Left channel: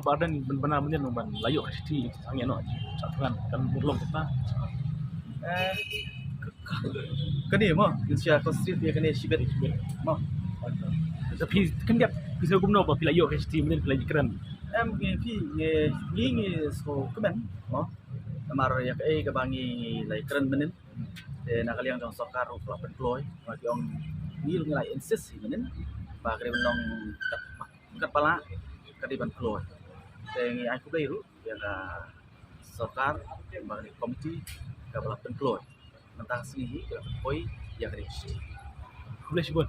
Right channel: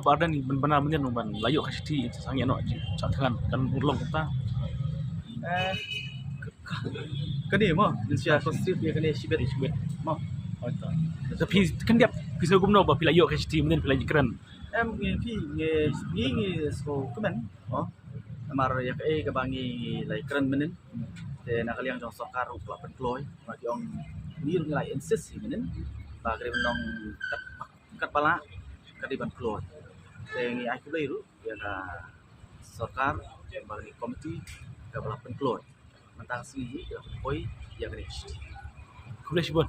badan ni benar menyen ban layo ka siti sangi no cakkan kan urlong kita. Kani mo Indonesia konstitusi dia kani sibet mo. Tapi kan dia bisa gumno ba pilayo ka siti menyen pilai keren. Em ngi so kemen mo. Amar ya ke bangi lai keren menen. Te nakaliang jong sokar ukla penploy bagi ong ni ngai insist menen. Ba kare nong kat pala kadi penploy. Te ngi aku beiru ya ka sokar bagi komiti ka bala penploy. Mentang sini ke penploy ya kare siti. Kuliah sibon.